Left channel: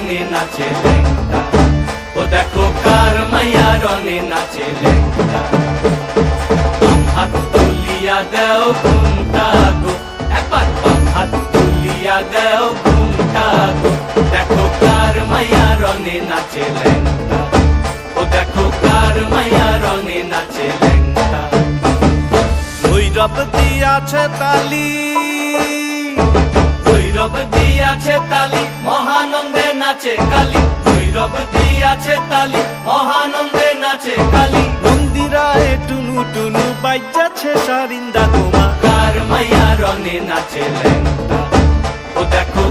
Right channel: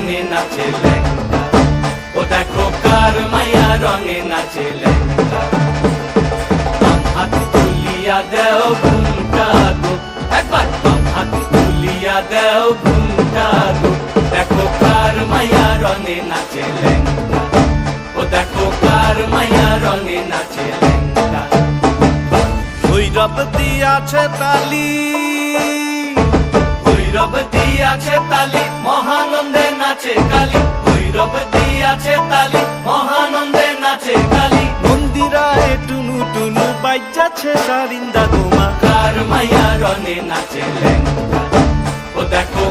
নাচে লেঙ্গা। ও দেখো কার মাইয়া রঙে নাচে লেঙ্গা। হাত তুলিয়া দেও ঘুমটা গো। একবার হাত তুলিয়া দেও ঘুমটা গো। দেখো কার মাইয়া রঙে নাচে লেঙ্গা। ও দেখো কার মাইয়া রঙে নাচে লেঙ্গা। ভৈরব দিয়াছে তালি। ভৈরব দিয়াছে তালি মহানন্দে নাচে কালী ভৈরব দিয়াছে তালি মহানন্দে নাচে কালী। মন্দিরায় টুনু টুনু বাইজাছে সারিন্দা গোমা কার মাইয়া রঙে নাচে লেঙ্গা ও দেখো